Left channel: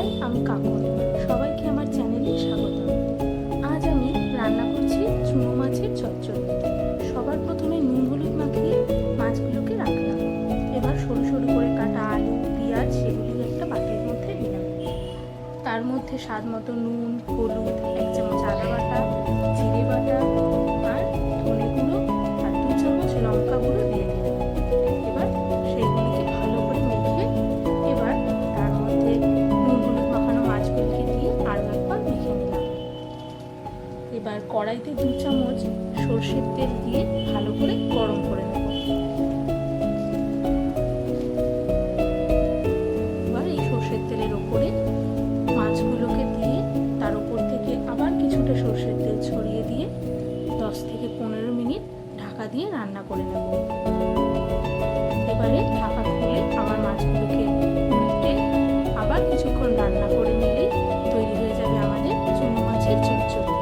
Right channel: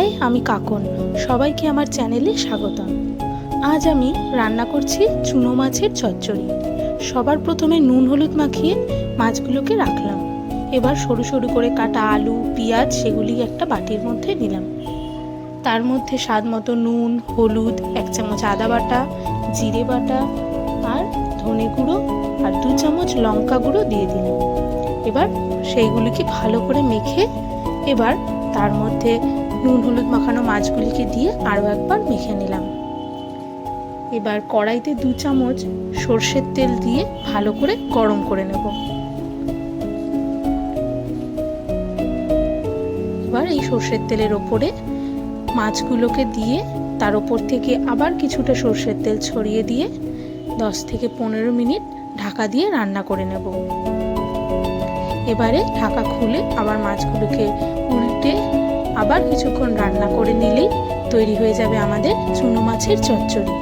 High, আমি কাকন। সবাইকে আমার চ্যানেলে স্বাগতম। আজ আমি রান্না করছি চুনো মাছের চচ্চড়ি। সবার প্রথমে নুন হলুদ মাখিয়ে মাছগুলোকে রাখলাম। এবার সরু সরু করে কাটা আলু, পেঁয়াজ সেগুলি একটা বাটির মধ্যে নিলাম। তার মধ্যে স্বাদ মতো নুন, হলুদ, 1 চামচ আদা বাটা, জিরে বাটা আর ধনে গুঁড়ো আর 2 চামচ লঙ্কা গুঁড়ো দিয়ে দিলাম। এবার সেইগুলিকে ভালো করে মেখে এবার তার মধ্যে নুন হলুদ মাখানো মাছগুলিকে দিয়ে আরও একবার মেখে নিলাম। এবার কড়াইতে 2 চামচ সর্ষের তেল দিয়ে ভালো করে গরম করে নেব। এবার এই সর্ষের তেলের ওপরে মাছগুলোকে দিয়ে তার ওপর থেকে আবার কিছুটা সর্ষের তেল ছড়িয়ে দিয়ে 10 থেকে 15 মিনিট ঢাকা দিয়ে রান্না করে নেব। এবারে ঢাকা খুলে আবার মাছগুলোকে উল্টে আবার কিছুক্ষণ রান্না করে নিলেই তৈরি হয়ে যাবে আমাদের চুনো মাছের চচ্চড়ি।